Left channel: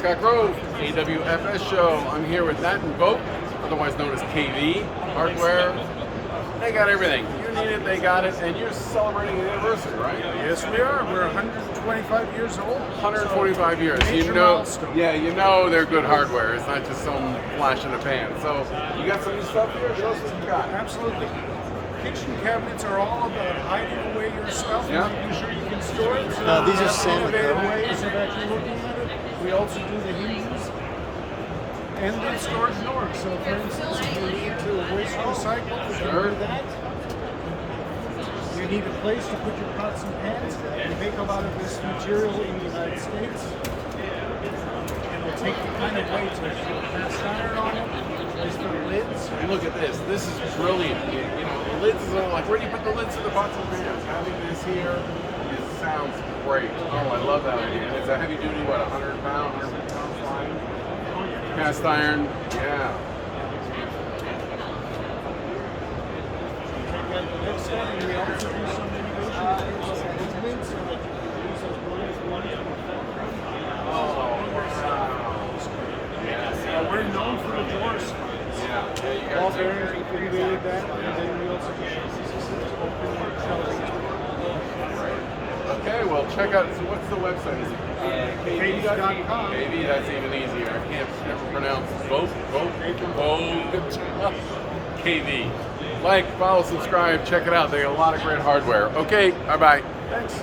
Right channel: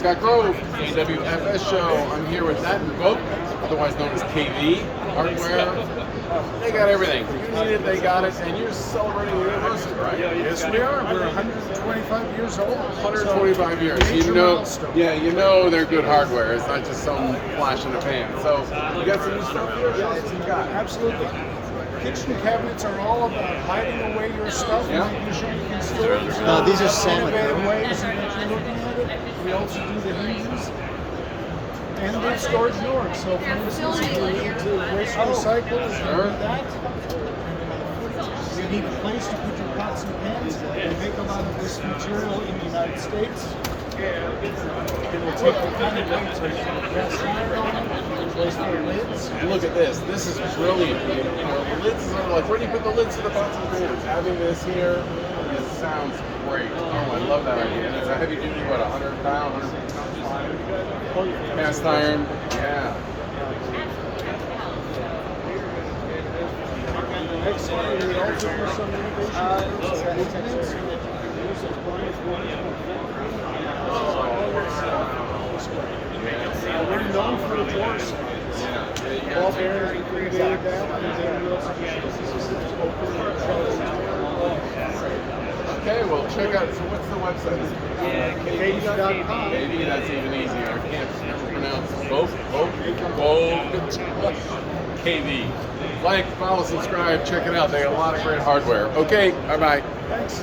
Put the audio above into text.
Scott Grove, AWFS show. I'm here with Nat and Vote, otherwise known as KV Hardware. They got everything. You need it, they got it, and you're celebrating an anniversary, right? Yes, we are. We're 125 years old. 125 years. Major milestone. Yeah, you know they're good hardware. It's not just some flash in the pan. So you got some new stuff here. Show us what you got. Absolutely. Kitchen cabinets are all about hiding away your stuff and making sure you can store it. No, these are salmon, Innovative though. ways that you're looking at it. We also do the hinges and the storage doors. So, for instance, if you need to waste recycle, you can do that. You need a place to put your pots and pans. We make a lot of this material in the United States. It'll take the kind of weight to cast iron on it, place the lids. And look at this. This is brilliant. You know, the lids is like, where do you put the lids to the pots and pans? Having this here, it sounds great. Oh, I love that idea. And it's a heavy duty, what, 100 pound, 150 pound slide? Oh, yeah. Cast iron. Yeah. Next time, we also do some innovation movements that you can use as blind boards. We're known for the doors. Ball bearings, we innovated that, and then we also do systems open shelving. Okay, well, check out. So, what's the website? KV.com. Maybe that's even easier. I can't never pronounce Vogue. KV. Like, follow, subscribe, check it out. They got a lot of great hardware. Okay, bye bye. Thanks.